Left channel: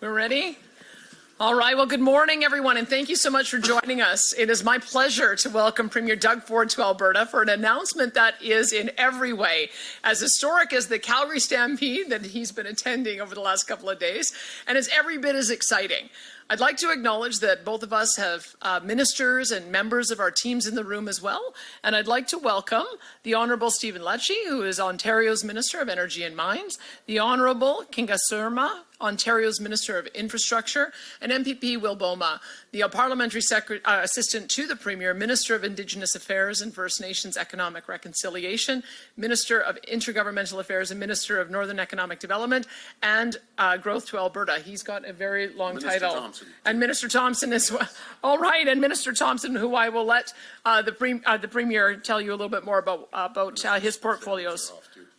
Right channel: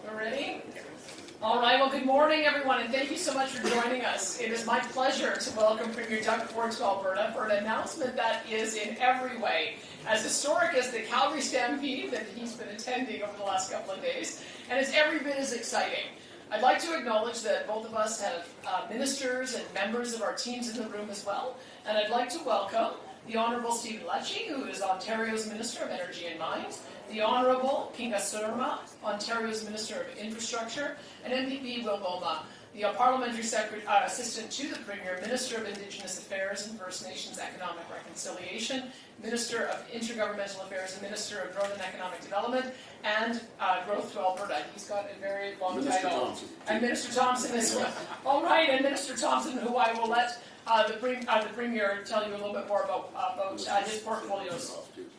We're ready? All right, well, good morning, everyone, and thank you so much for joining us. It is my pleasure to welcome Premier Doug Ford to Alberta for an announcement that is in every way as historic as the Calgary Stampede that he's been attending over the last couple of days, and is every bit as exciting. I'd like to acknowledge that both of us have ministers and members of our teams in the room as well, and I'd like to welcome the Honourable Stephen Lecce, who is Ontario's Minister of Energy and Mines, the Honourable Kinga Surma, Ontario's Minister of Infrastructure, and MPP Will Boma, the Parliamentary Assistant to the Premier, Minister of Indigenous Affairs and First Nations Economic Reconciliation, Minister of Intergovernmental Affairs and Minister of Northern Economic Development and Growth to Alberta. He's got a very long title. Thompson. And Minister Thompson is one. All right, and Minister Thompson, who I will let the Premier tell you a little bit more about his portfolios.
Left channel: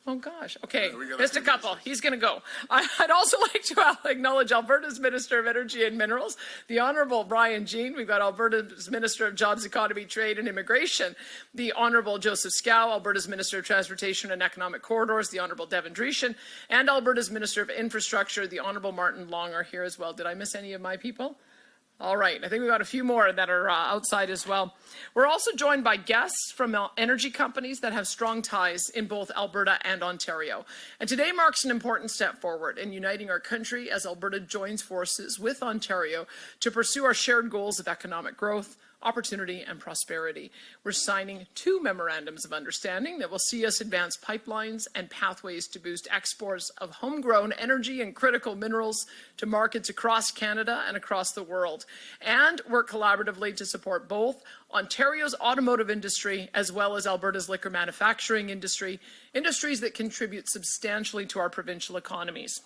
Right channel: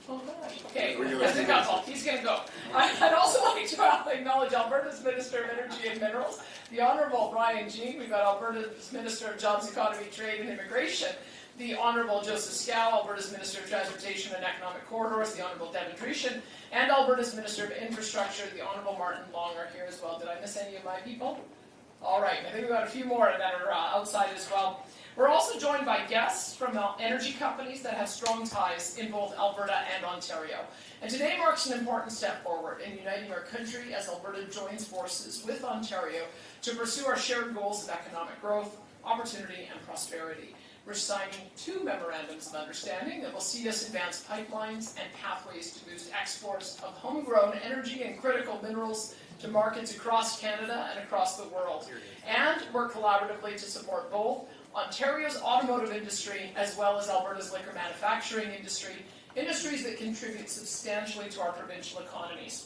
Oh gosh, okay, just a couple, he's going to go. I'd also like to acknowledge Alberta's Minister of Energy and Minerals, the Honourable Brian Jean. We've got Alberta's Minister of Jobs, Economy, Trade and Immigration, the Honourable Joseph Scow, Alberta's Minister of Transportation and Economic Corridors, the Honourable Devin Dreeshen, and Alberta's Minister of Infrastructure, the Honourable Martin Long are here as well. Did I miss any of my people? All right, I think we've got a few more that are outside as well. We're also joined by guests from energy companies that have strong ties in both Alberta and Ontario. And today marks an important step forward in uniting our country as Alberta joins forces with Ontario to pursue our shared goals of economic growth, opportunity, and prosperity. We're signing 2 memorandums of understanding that will see us advance pipelines and pathways to boost exports of homegrown energy and critical minerals to markets across Canada and across the world, and work collaboratively to support both Ontario's automotive industry as well as Alberta's liquor manufacturing industry, industries that contribute substantially to our provincial economies.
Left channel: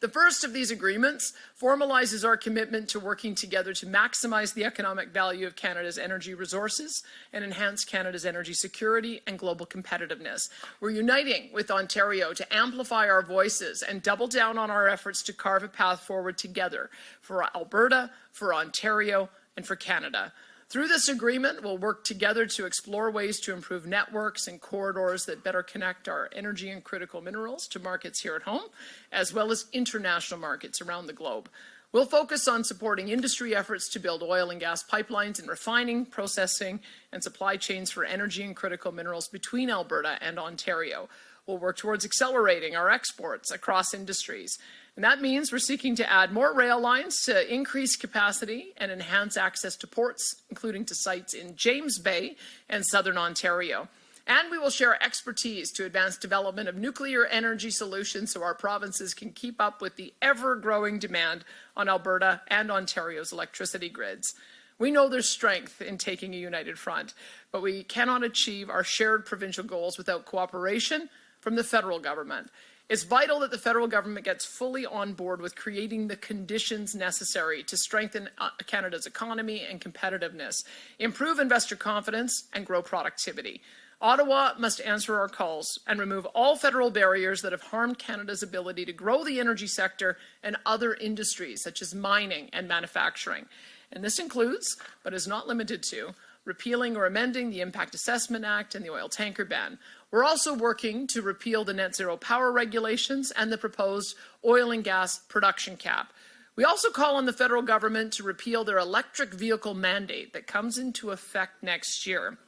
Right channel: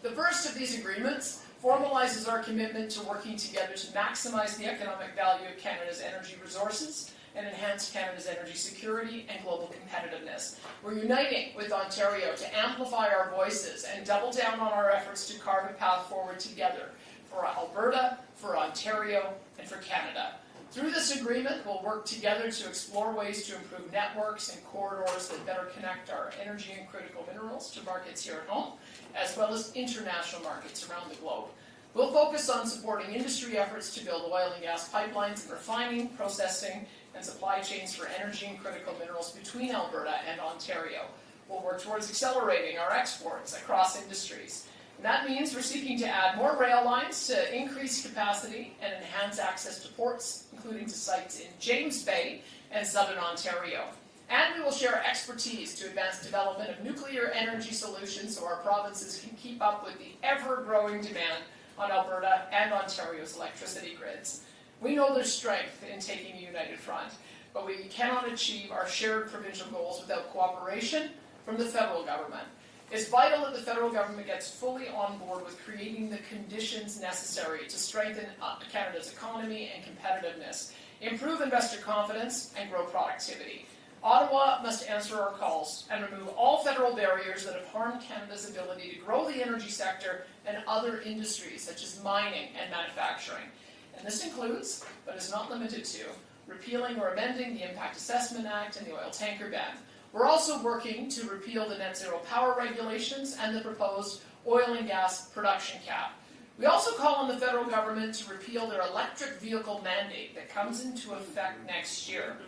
The first of these agreements formalizes our commitment to working together to maximize the economic value of Canada's energy resources and enhance Canada's energy security and global competitiveness. We're uniting with Ontario to amplify our voices and double down on our efforts to carve a path forward together for Alberta, for Ontario, and for Canada. Through this agreement, we'll work together to explore ways to improve networks and corridors that better connect our energy and critical minerals to markets here at home, as well as international markets around the globe. We'll focus on supporting industry efforts to build oil and gas pipelines and refining, processing, and supply chains for energy and critical minerals between Alberta and Ontario. We'll work towards accelerating our exports across industries. And that means we're seeking to add more rail lines to increase capacity and enhance access to ports, including to sites in James Bay and southern Ontario. And we will share expertise to advance development of nuclear energy solutions so our provinces can keep up with the ever-growing demand on Alberta and Ontario's electricity grids. We know there's strength in taking a united front, but we cannot achieve our shared provincial goals without cooperation from the federal government. It's vital that the federal government gets fully on board with creating the conditions necessary to strengthen Canada's economy and competitiveness, improve investor confidence, and grow productivity. Ottawa must answer our calls and remove all federal barriers that have harmed Canada's ability to grow the energy sector and other industries such as mining and manufacturing. And this includes, but is not limited to, repealing or amending the Impact Assessment Act and the oil tanker ban. We're also working to repeal the net zero power regulations and the proposed oil and gas production cap. We also call on the federal government to repeal their electric vehicle mandate that comes into effect next year.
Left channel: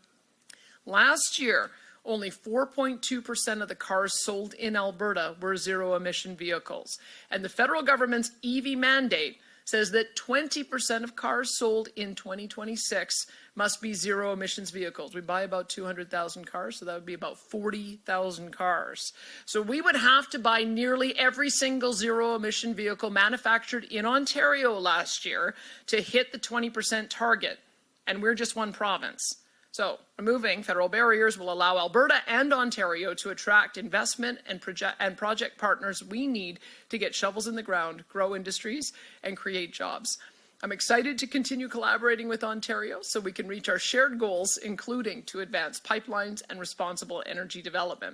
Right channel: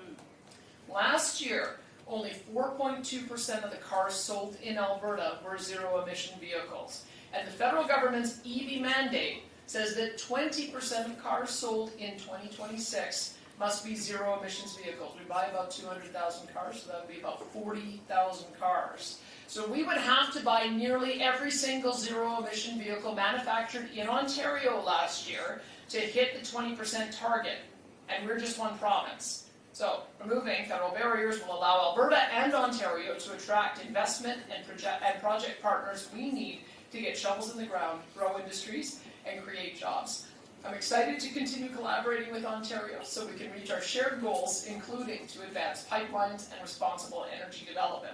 Last year, only 4.2% of the cars sold in Alberta were zero-emission vehicles. And the federal government's EV mandate says that 20% of cars sold in 2026 must be zero-emissions vehicles. We buy about 200,000 cars, so that would be about 40,000 cars. So we would have to buy nearly every single zero-emission vehicle manufactured in Ontario last year to hit the 20% target. And we're just one province. So removing federal barriers will allow Alberta and Ontario to attract investment and project partners we need to get shovels in the ground, grow industries, and create jobs. I'm excited to continue collaborating with Ontario so we can reach our shared goals, including to advance pipelines and responsible energy development.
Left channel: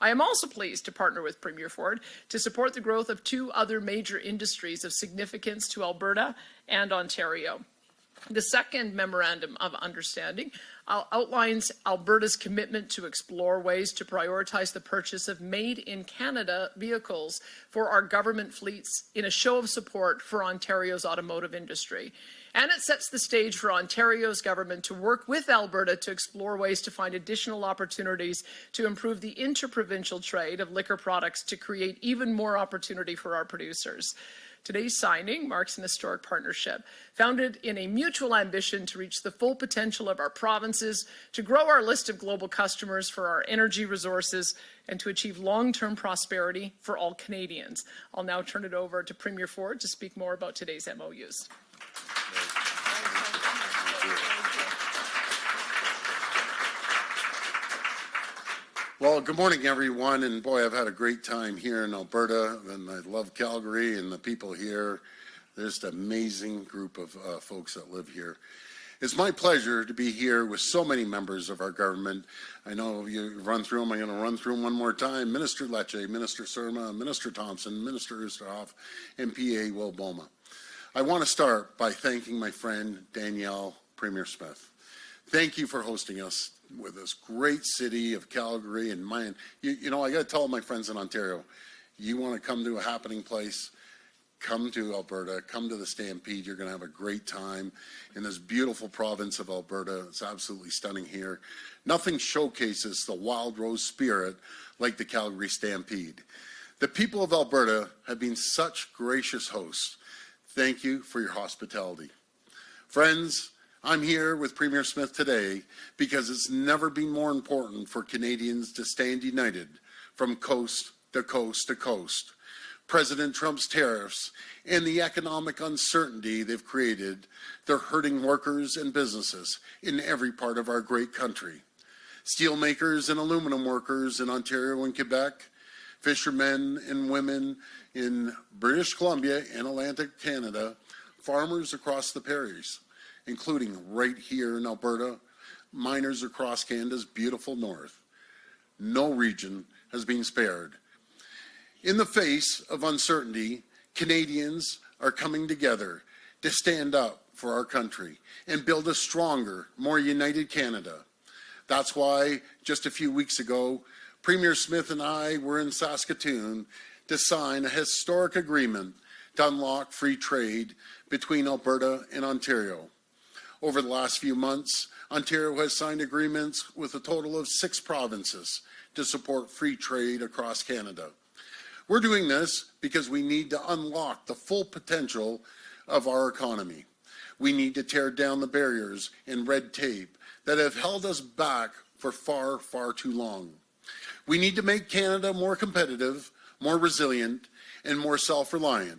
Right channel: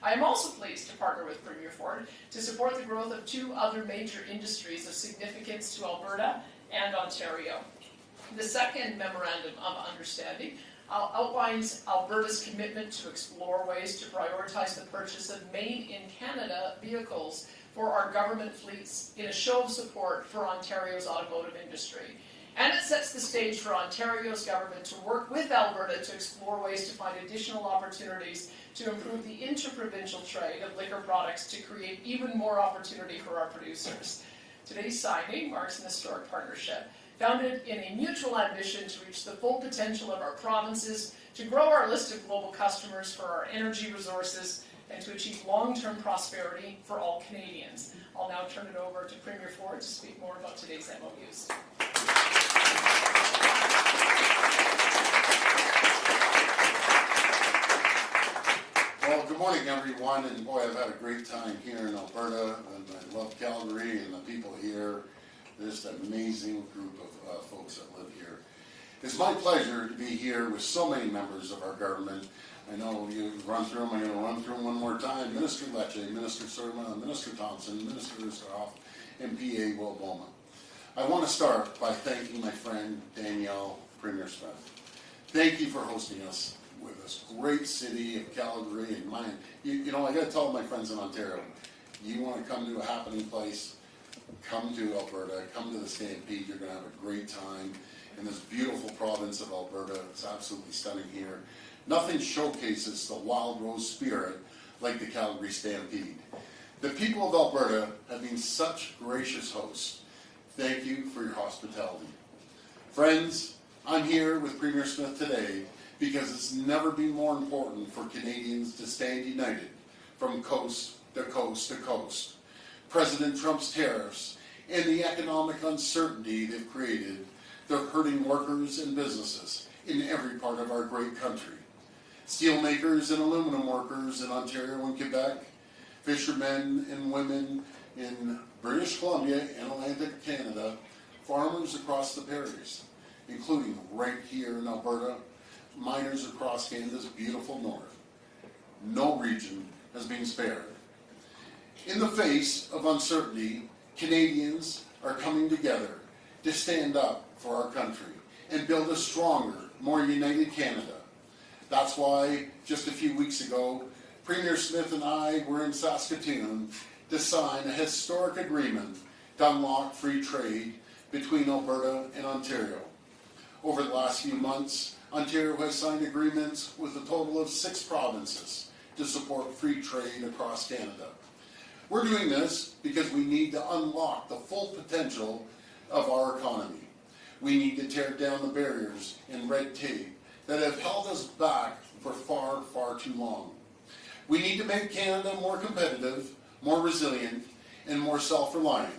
I am also pleased to partner with Premier Ford to support the growth of 2 other major industries of significance to Alberta and Ontario. The second memorandum of understanding outlines Alberta's commitment to explore ways to prioritize the purchase of made-in-Canada vehicles for our government fleets in a show of support for Ontario's automotive industry. And it sets the stage for Ontario's government to work with Alberta to explore ways to find additional opportunities to improve the interprovincial trade of liquor products to create even more opportunity for our producers. Today's signing marks an historic partnership founded in a mutual ambition to reach the full potential of our provinces, to grow our list of global customers for our energy resources, and to achieve long-term prosperity for all Canadians. I'll now turn it over to Premier Ford to speak more about today's MOUs. Well, good morning, everyone, and boy, I've had a great time here in Alberta, and I love Calgary and the people here. There's an amazing group of folks that live here. It's my pleasure to be here with so many members of our government. I know you've run through them. I'm going to run through them one more time. Minister Lecce, Minister Surma, Minister Thompson, Minister Oosterhoff, and PA Woboma. I want to start by thanking my friend Danielle Premier Smith. Thank you for hosting us with this great city of Calgary and mine. You know, I got to tell my friends in Ontario, you want to come to a happening place, come to Alberta, come to the Stampede. You're going to have a great time in this beautiful province of Alberta. It's absolutely stunning here. Nothing showcases the wild rose spirit like the Calgary Stampede. The people of Alberta have been such gracious hosts. Thank you for your hospitality. Friends, I'm here with Premier Smith today because it's never been more important for Canadians to stand united from coast to coast to coast. President Trump's tariffs and the economic uncertainty they've created, they're hurting workers and businesses in every part of our great country. Steelmakers and aluminum workers in Ontario and Quebec, fishermen and women in British Columbia and Atlantic Canada, farmers across the prairies, including right here in Alberta, miners across Canada's beautiful north. No region has been spared. In the face of uncertainty, Canadians are coming together to stand up for our country and build a stronger, more united Canada. That's why just a few weeks ago, Premier Smith and I were in Saskatoon to sign a historic agreement to unlock free trade between Alberta and Ontario. Over the last few months, Ontario has signed agreements with a total of 6 provinces to support free trade across Canada. We're doing this because we need to unlock the full potential of our economy. We need to tear down the barriers and red tape that have held us back for far, far too long. We need to make Canada more competitive, more resilient, and more self-reliant.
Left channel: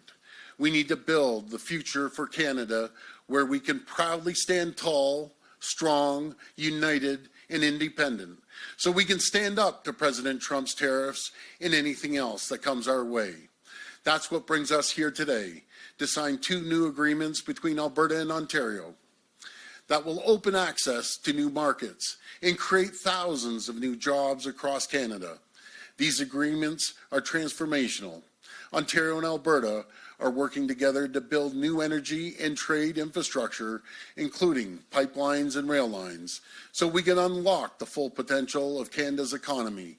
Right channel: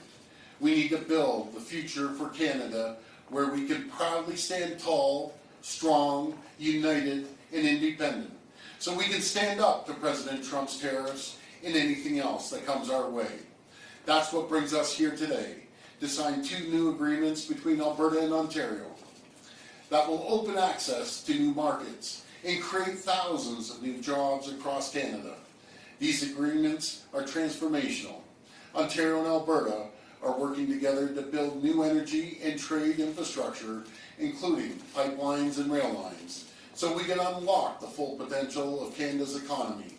We need to build the future for Canada where we can proudly stand tall, strong, united, and independent, so we can stand up to President Trump's tariffs and anything else that comes our way. That's what brings us here today, to sign 2 new agreements between Alberta and Ontario that will open access to new markets and create thousands of new jobs across Canada. These agreements are transformational. Ontario and Alberta are working together to build new energy and trade infrastructure, including pipelines and rail lines, so we can unlock the full potential of Canada's economy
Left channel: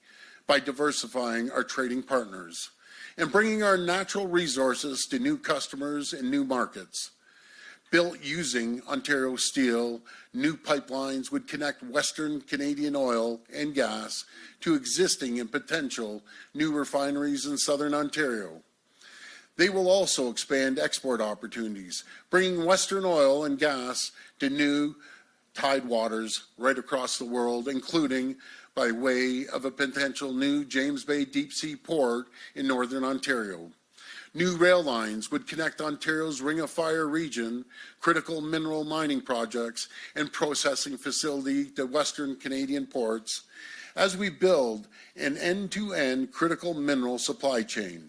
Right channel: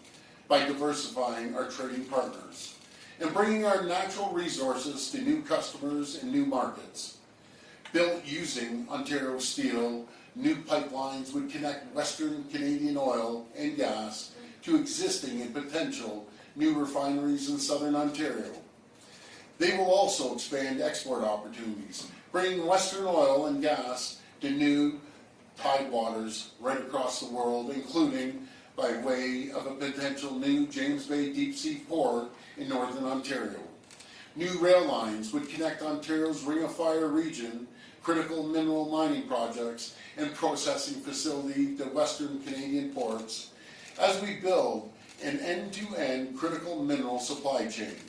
by diversifying our trading partners and bringing our natural resources to new customers and new markets. Built using Ontario steel, new pipelines would connect Western Canadian oil and gas to existing and potential new refineries in Southern Ontario. They will also expand export opportunities, bringing Western oil and gas to new tidewaters right across the world, including by way of a potential new James Bay deep sea port in Northern Ontario. New rail lines would connect Ontario's Ring of Fire region, critical mineral mining projects, and processing facility to Western Canadian ports as we build an end-to-end critical mineral supply chain.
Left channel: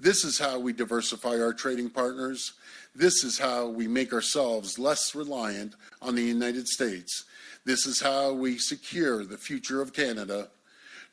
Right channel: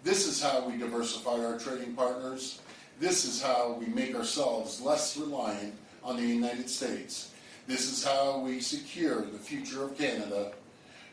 This is how we diversify our trading partners. This is how we make ourselves less reliant on the United States. This is how we secure the future of Canada.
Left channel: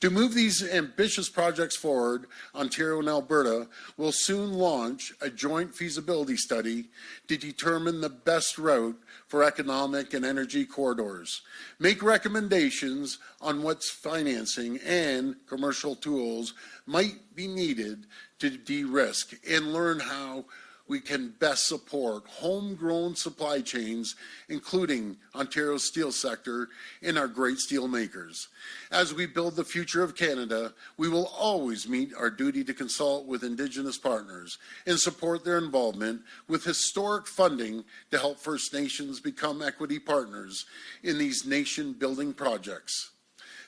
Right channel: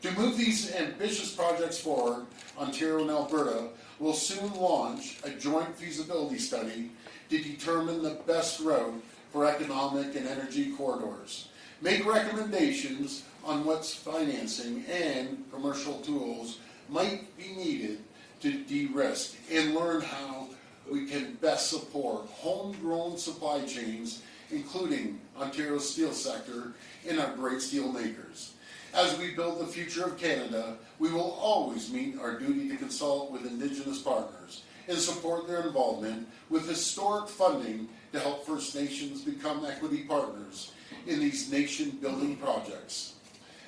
To move these ambitious projects forward, Ontario and Alberta will soon launch a joint feasibility study to determine the best route for economic and energy corridors, make recommendations on what's financing and commercial tools might be needed to de-risk, and learn how we can best support homegrown supply chains, including Ontario's steel sector and our great steel makers. As we build the future of Canada, we will always meet our duty to consult with Indigenous partners and support their involvement with historic funding to help First Nations become equity partners in these nation-building projects.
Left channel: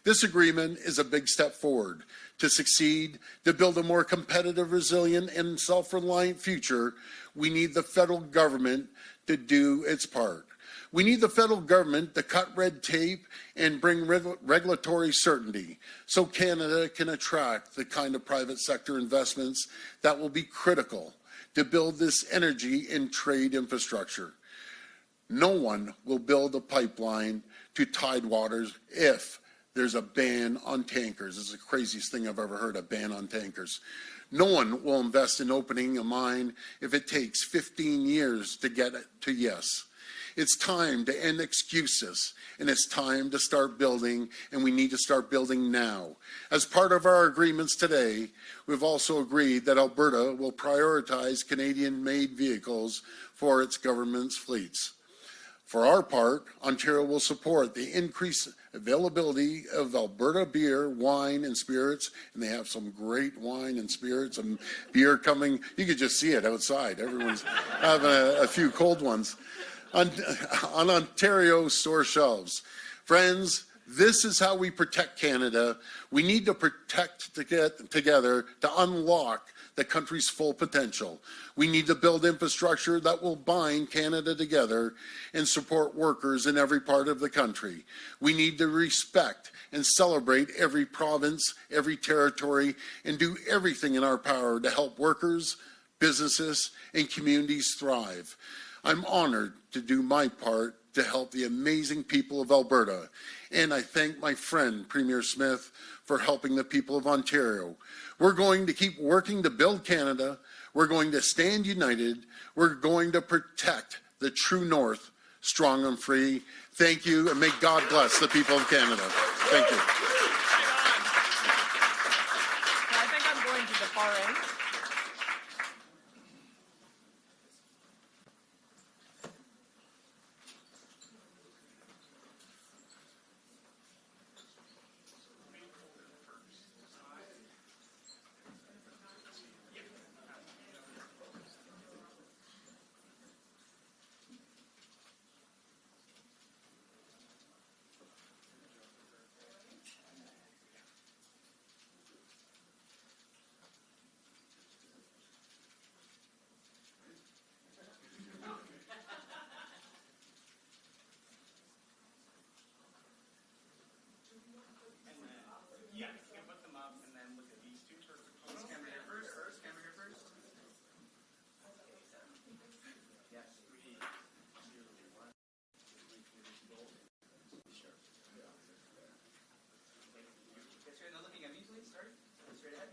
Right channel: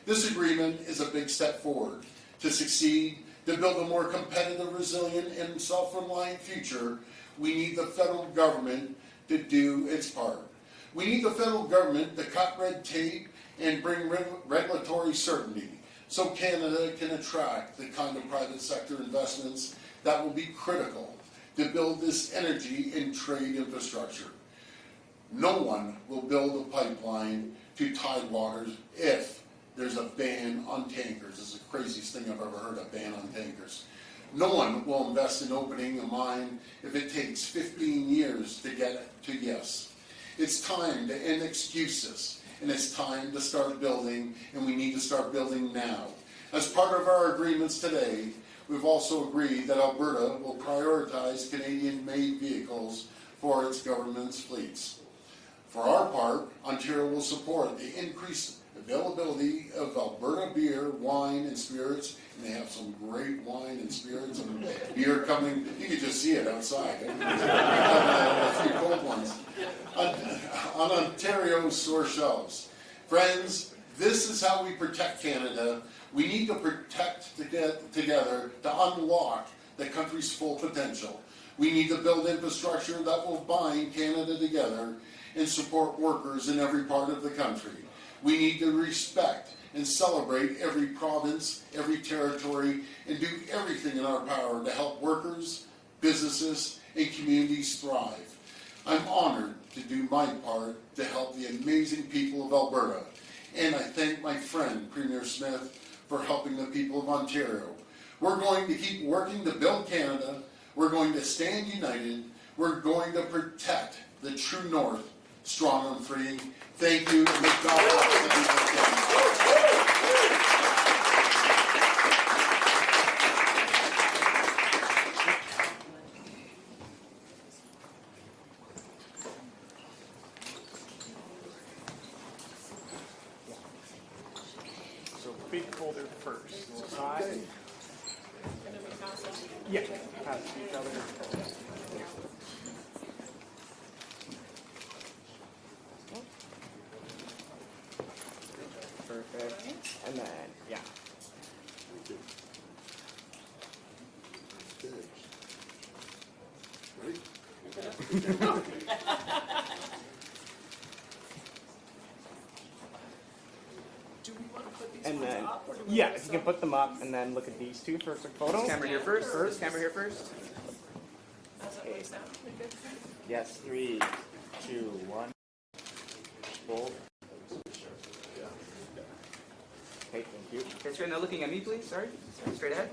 This agreement is a big step forward to succeed, to build a more competitive, resilient, and self-reliant future. We need the federal government to do its part. We need the federal government to cut red tape and bring regulatory certainty so Canada can attract the kind of private sector investments that will be critical to build this energy and trade infrastructure. No one will build a pipeline to Tidewaters if there's a ban on tankers. This is the craziest thing I've ever heard, a ban on tankers. No one will invest in opening a mine if it takes 15 years to get it to yes. It's time to end excuses, and it's time to start building, and we need to start building now. As part of our agreements today, we've also agreed that Alberta will prioritize Canadian-made vehicles for its government's fleets. For our part, Ontario will support the increased availability of Alberta beer, wine, and spirits, and they have some great wine and spirits and beer coming. You can just see it outside. Everyone's having a few cold ones on Ontario store shelves. Friends, this is how we protect Canada. We need to protect together to unlock the country's full potential. We need to build infrastructure that will bind Canada together and support workers in every part of the country. We need to respect and celebrate every province, every territory, and do everything in our power to help workers, businesses, and communities thrive. I'm honored to do my part to help the amazing people of Alberta, and I thank my friend Premier Smith for helping the people of Ontario. We're going to keep working to build Canada. We're going to stand united. We're going to protect the true north, strong and free. Thank you, and may God bless the people of Canada. Thank you. So big folder first. Side. Yeah. Pass each other. Perfect. And then, yeah. And then, yeah, you can put them up and then look at these two for a quick photo. Camera here first. Camera here first. Yes, 3, 2, 1. Bold. Okay, thank you. Okay, straight now looking at me, please. Sorry. Straight ahead.